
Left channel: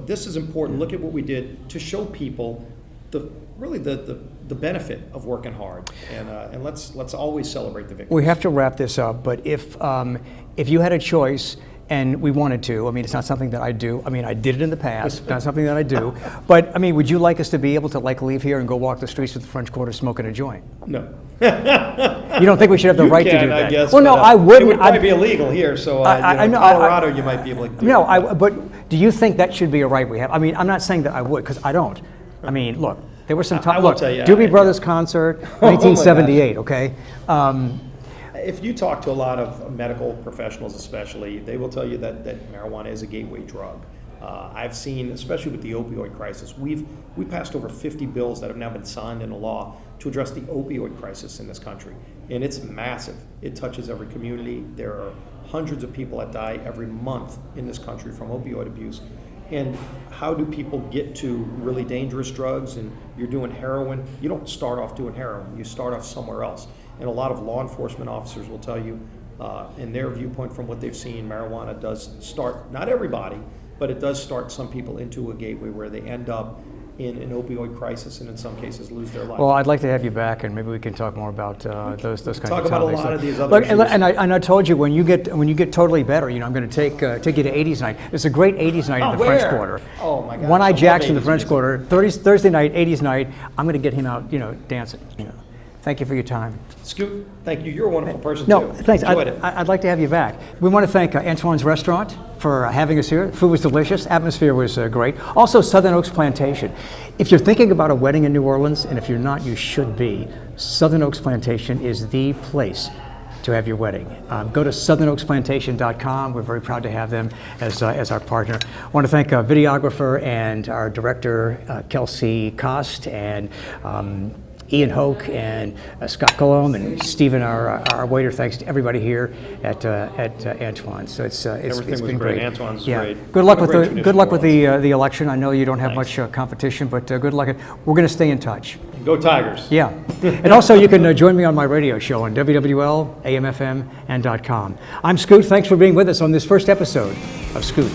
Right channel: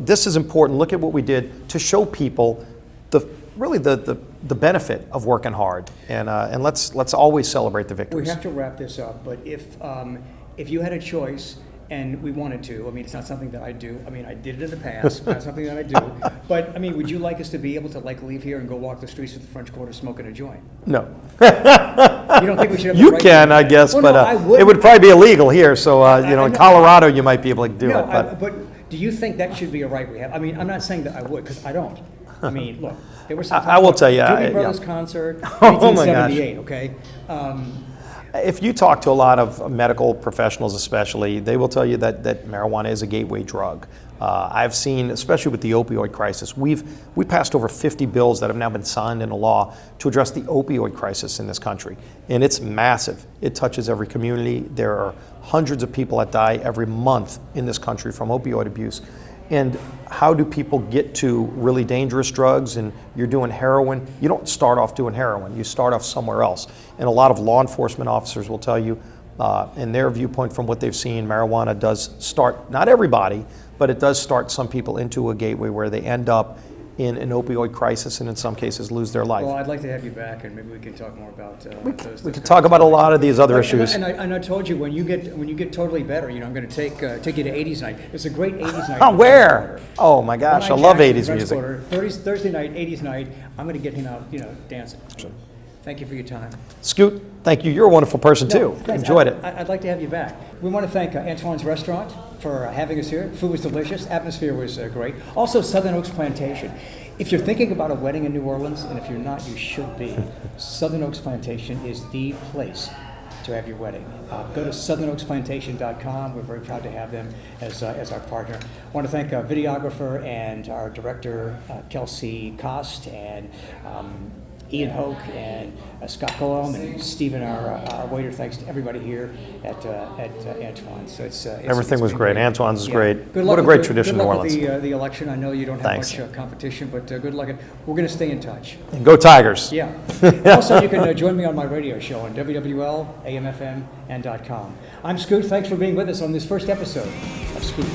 this is important. Look at what we did to show people the benefit of working hard, and let's always celebrate the victories. We have to wrap this up, but if you had a choice and we wanted to, I mean, it's not something that I do. I mean, I did it in the past, not something that I do. But I mean, would you like us to be able to leave here and go walk the streets of the French Quarter smoking a joint? No. You don't think we should have the you right can, to do that? I guess, well, but no, I wouldn't. it would probably be illegal here. So in Colorado, you might be able to do no, it. but do you think that should be a right we have? I mean, I'm not saying that I would, because I don't. I mean, look, there was some time. I will tell you, Doobie Brothers concert, 1978. Okay. If you talk to a lot of medical professionals, especially, they will tell you that marijuana is a gateway drug. I've seen, especially with the opioid crisis, we passed over 50 bills that have now been signed into law to address the opioid crisis in this country, and it's massive. It touches every community. There are hundreds of people that die every month in this country from opioid abuse. And how do people get to really dangerous drugs? And you're doing heroin. You don't start off doing heroin. You start off somewhere else. And a lot of law enforcement officers will tell you, in their viewpoint from what they've seen, marijuana does start, not everybody, but it does start some people into a gateway where they end up in an opioid crisis and in some cases lose their life. Well, I'd like to have you back, and maybe we can talk more about those kinds talk of about a topics. lot of these other Look, issues. And I told you when you get totally better, I'm going to take you to 80s night. There's a great 80s night in the Where? French Quarter. Oh my gosh, One-Eyed I love Jack's in 80s the French music. Quarter. Thursday night, 80s night. I'm going to get him out, dancing. Yeah. Thank you for your time. Scoot, thank you. You're a wonderful person No, too. thanks. Enjoyed it. I'd like to have you back. We want to thank Antoine's Restaurant for having us here. Food was delicious. Atmosphere was great. Also, Southern Oaks Plantation. If you're thinking about a wedding in New Orleans, and if you're not, you should be, Southern Oaks Plantation is the place to have your wedding. Go to southernoaksplantation.com. We're very proud to have them as our partner. I want to thank our videographer and our director, Kelsey Cost, and Ian Hoke and Scott Colomb and Stephen, our waiter. Thanks to everybody here at Antoine. So Everything was been great. Antoine's Yeah. great. Good luck What a with great the, tradition good luck in with New Orleans. the election. I know you don't have Thanks. much competition, but good luck. We're going to stay in touch. Go Tigers. Yeah. And also, you can join me on my radio show on WWL, AM/FM, and .com. I'm Scoot. Thanks for being with us on this first episode of Scoot.